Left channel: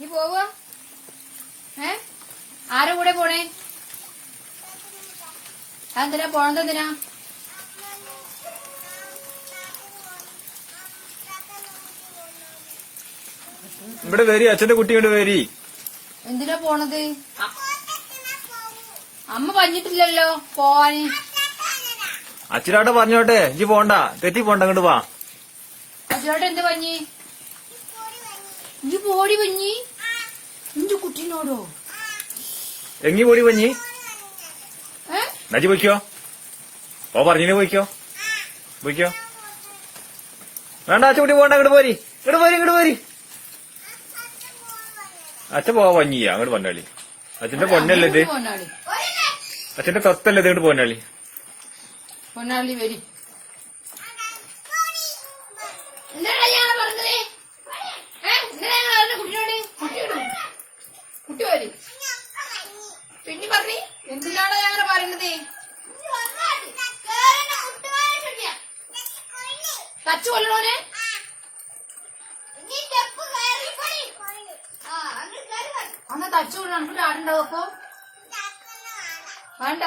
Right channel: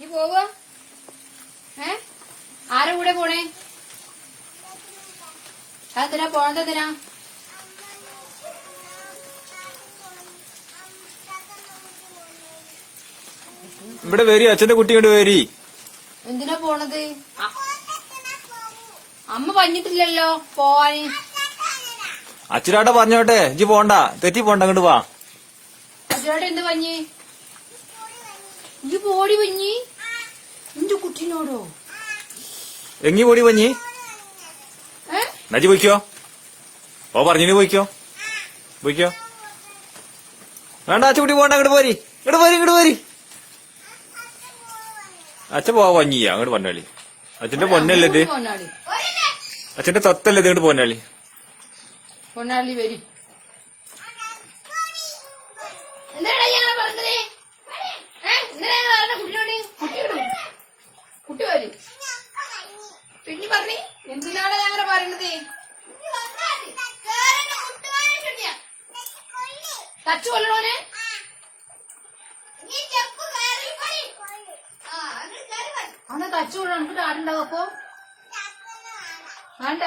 നീ പോവുക ഏ? ആരെ കൂടെ പോണേ? അതെന്തിനാ പോണത് എന്തിനാ? ഇവിടെ വരി അച്ഛന്റെ കുട്ടി ഇങ്ങോട്ട് വരി. എന്തിനാ പോണത്? അമ്മ പറഞ്ഞിട്ടില്ലല്ലോ പോവാന് അച്ഛനാട്ടെ പറഞ്ഞോട്ടെ ഇജ്ജ് പോണ്ട തെറ്റി പോണ്ട അങ്ങോട്ട് വാ. അച്ഛനോട്ടെ എന്ത് പഞ്ഞി? ഈ പോടി പഞ്ഞി. എന്റെ കുട്ടീനോടോ? എങ്ങി പൊടി പഞ്ഞി? നജി പോയിക്കോ? ഓ പറഞ്ഞിനി പോയിക്കോ? പോയിക്കോ? വേണ്ട അച്ഛ കുട്ടി പോണ്ട അങ്ങോട്ട് പോരി. ഇങ്ങോട്ട് പോരി ഇങ്ങോട്ട് പോരി. അച്ഛൻ പോവാ പഞ്ഞിയ അങ്ങോട്ട് പൊന്നാളി. അച്ഛന്റെ പൊന്നല്ലേ ഇത്? അച്ഛന്റെ തത്തല്ലേ ഇത് ഇങ്ങോട്ട് പൊന്നാളി? പൊന്നാളി വരി. എന്താ ഞാൻ പറഞ്ഞത് ഏ? എന്താണ് ഞാൻ പറഞ്ഞത് കുട്ടിയോട് കുട്ടി വിടും കുട്ടി വരും പിന്നെ പറഞ്ഞി എന്തിനാണ് ഞാൻ അങ്ങനെ പറയണത് കച്ചു കൊല്ലണോനെ അന്ന് കൊള്ളണം നമുക്ക് ആടുണ്ടാവും അപ്പൊ? വേണ്ട.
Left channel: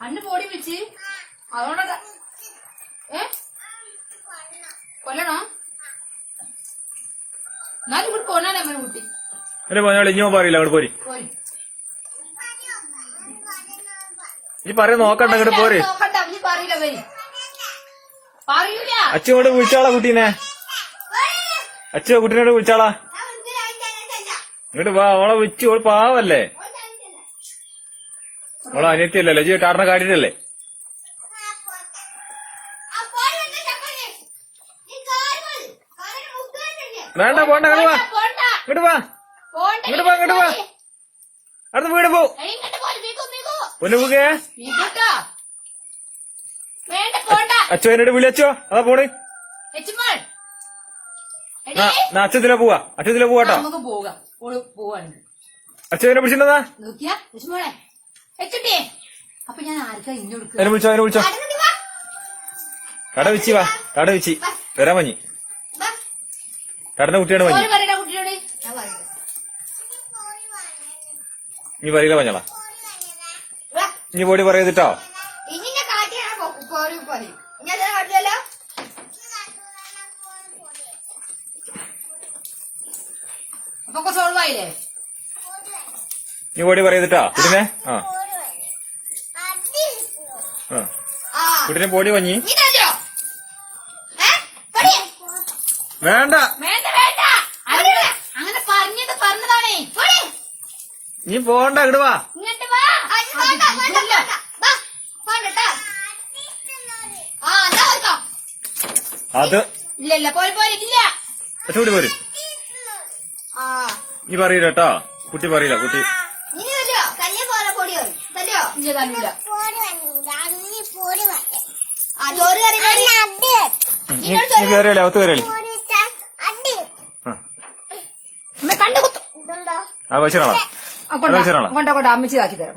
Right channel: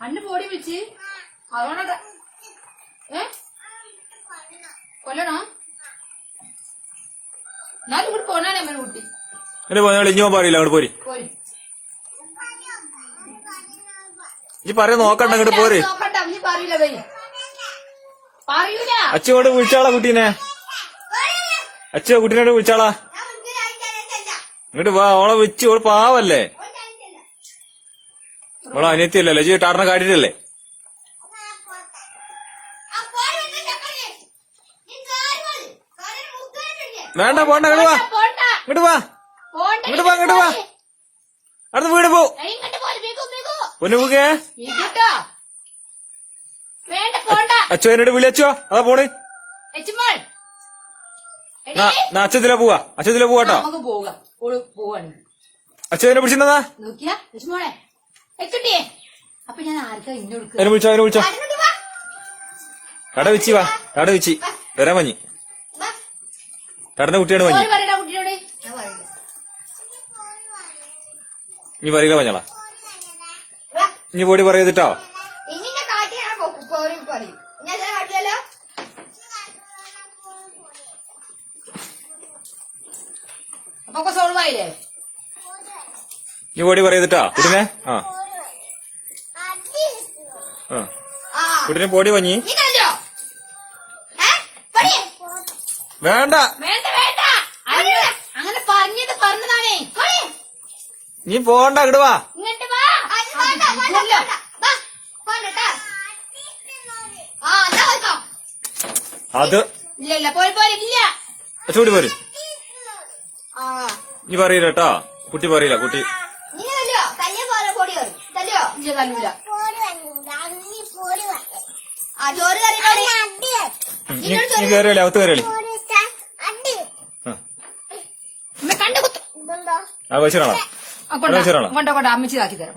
അന്ന് പോടി വിളിച്ച് അതുകൊണ്ട് ഏ? കൊല്ലണോ? എന്നാലും ഇവിടെ പോണാലേ അമ്മ കുട്ടി. പൊന്നാളി ഇഞ്ഞോ പറയില്ല പോരി. പോരി. പറയാൻ നോക്കണ്ട അങ്ങോട്ട് പോര്. അച്ഛനോട് വിളിച്ചാളാ കുട്ടീനെ? അച്ഛ കുട്ടീനോട് വിളിച്ചാളാ? ഇങ്ങോട്ട് വാ ഓളെ വിളിച്ചു ഓൾ പാവല്ലേ? ഓളെ അനിയത്തിയല്ലേ ലജി ടാറിനെ കാട്ടിട്ടല്ലേ വേണ്ട പോണ്ട ഇങ്ങോട്ട് വാ. ഇങ്ങോട്ട് വാ. ഇങ്ങോട്ട് വാ ഇങ്ങോട്ട് വാ. അടുത്ത് വീട് പോ. ഇങ്ങോട്ട് പോലെ വീക്കോ എന്നോട് വിളിച്ചോ അതാ പോണ്. അച്ഛത്തിലെ പോവാ. അച്ഛത്തിലെ പോവാട്ടോ അച്ഛനെ എച്ചുട്ടിയെ. അപ്പൊ ഞാൻ ആർക്കാ ഇന്നെ വിളിച്ചോ അതിനെ വിളിച്ചോ. കട വെച്ചി വാ. കട വെച്ചി വരാൻ മഞ്ഞ്. കടന്റെ കുട്ടിയാണ് മഞ്ഞ്. നീ പറയുക മഞ്ഞളാ. നീ പോടി പറയതിട്ടോ അപ്പൊ സോൾവ് ആയില്ലേ? നീ ഓടി ആ. കുടിനെ ആ. വഞ്ഞി പോടി പടി. വേണ്ട. അങ്ങനെ പറഞ്ഞത് പറഞ്ഞതാണേ. നീ പോണ്ട ഇങ്ങട് വാ. അത് ഇല്ല ഇല്ല പോയി പോലെ ഇല്ല. ചൂടി പോരും. നീ പറയില്ല കേട്ടോ കുട്ടി പറയില്ല കുട്ടി. കയറിയല്ലേ അകത്ത് കയറിയല്ലേ ആ. കണ്ടു കുത്തു. ആ വെച്ചാളാ കൊണ്ടോ കൊണ്ടോ കൊണ്ടോ അമ്മച്ചി ആക്കി തരാം.